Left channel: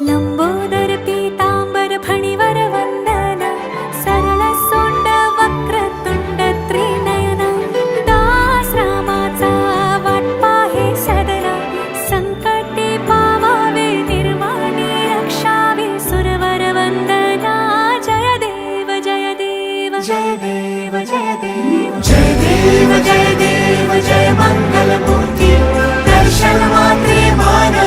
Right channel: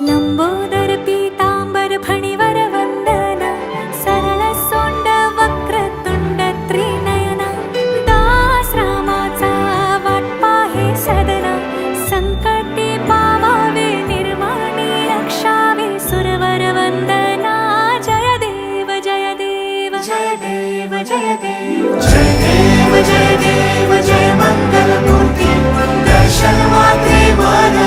लंबोदर पीतांबर फणीवर वंदना, सरळ सोंड वक्रतुंड त्रिनयना, दास रामाचा वाटपा हे सदना, संकटे पावावे निर्वाणी रक्षावे सुरवर वंदना. जय देव जय देव जय देव जय देव जय देव जय देव जय मंगल मूर्ती, दर्शन माते मान